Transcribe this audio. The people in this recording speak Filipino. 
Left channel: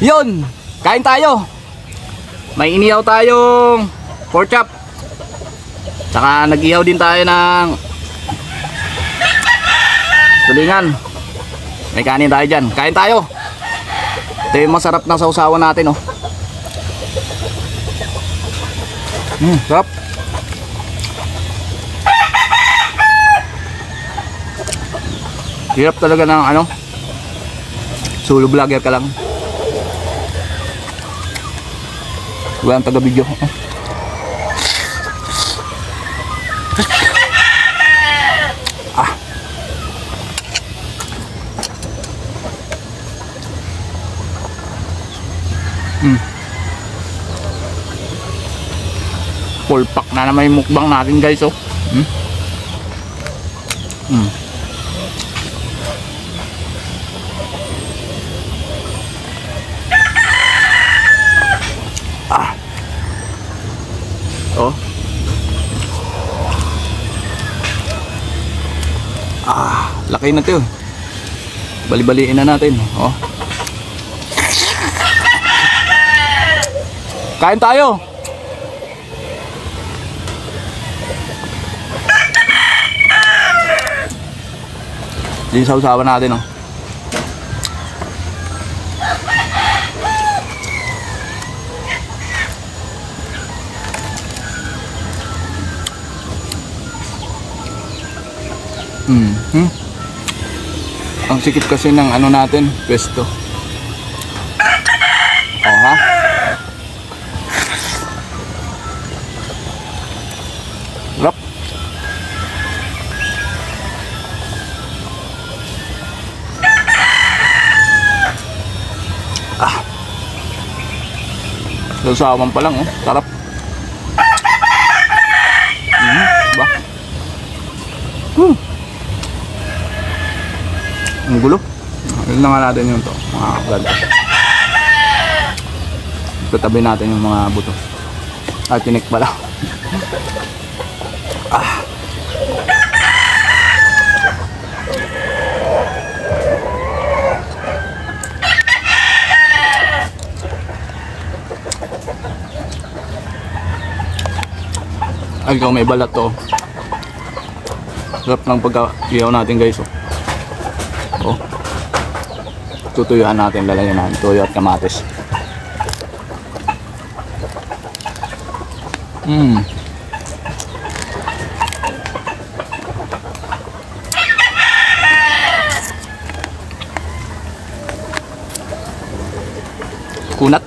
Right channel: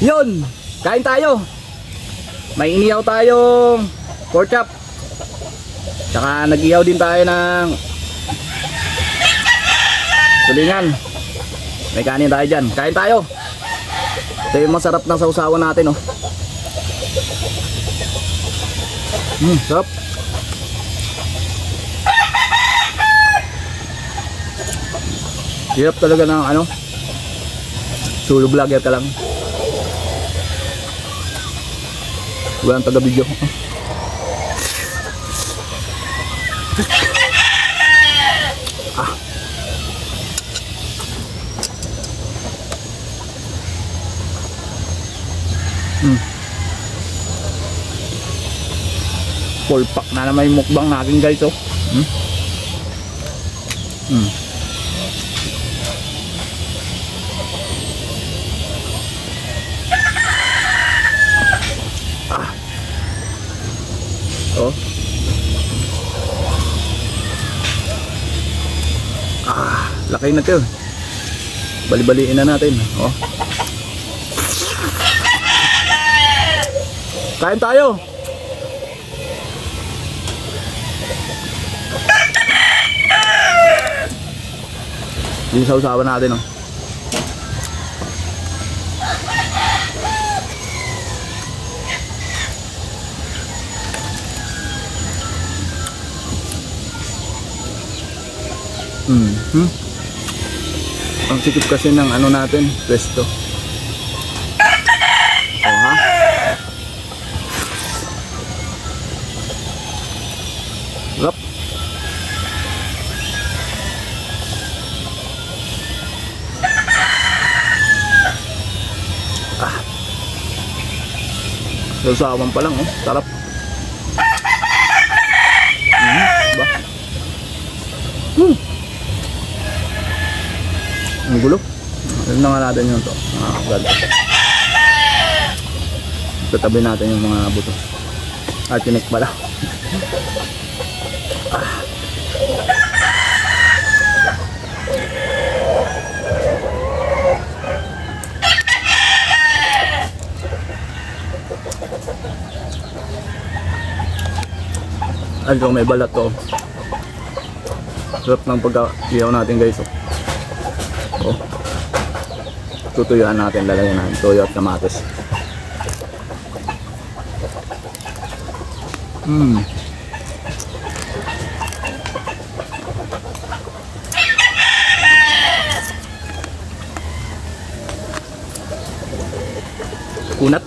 Yun, kain tayo. May inihaw tayong pork chop. Tsaka nag-ihaw din tayo ng tulingan. May kanin tayo dyan. Kain tayo. Ito yung masarap na sausawan natin, oh. Sarap. Hirap talaga ng ano, solo vlogger ka lang. Walang taga-video. Full pack na naman yung mukbang natin, guys, oh. Oh. Laki na 'to. Bali-baliin na natin, oh. Kain tayo. Yung sausawan natin, oh. Ang sikip kasi ng ano natin, pesto. Oh, ha? Sarap. Sausawan pa lang, oh. Sarap. Ba? Ang gulo. Ayun na nga natin yung to, mga kablad. Tatabi natin yung mga buto. Tinik pala. Ay, ikaw may balat to. Sarap ng pagka-ihaw natin, guys, oh. Oh. Tutuyuan natin, lalagyan natin toyo at kamatis. Kunat.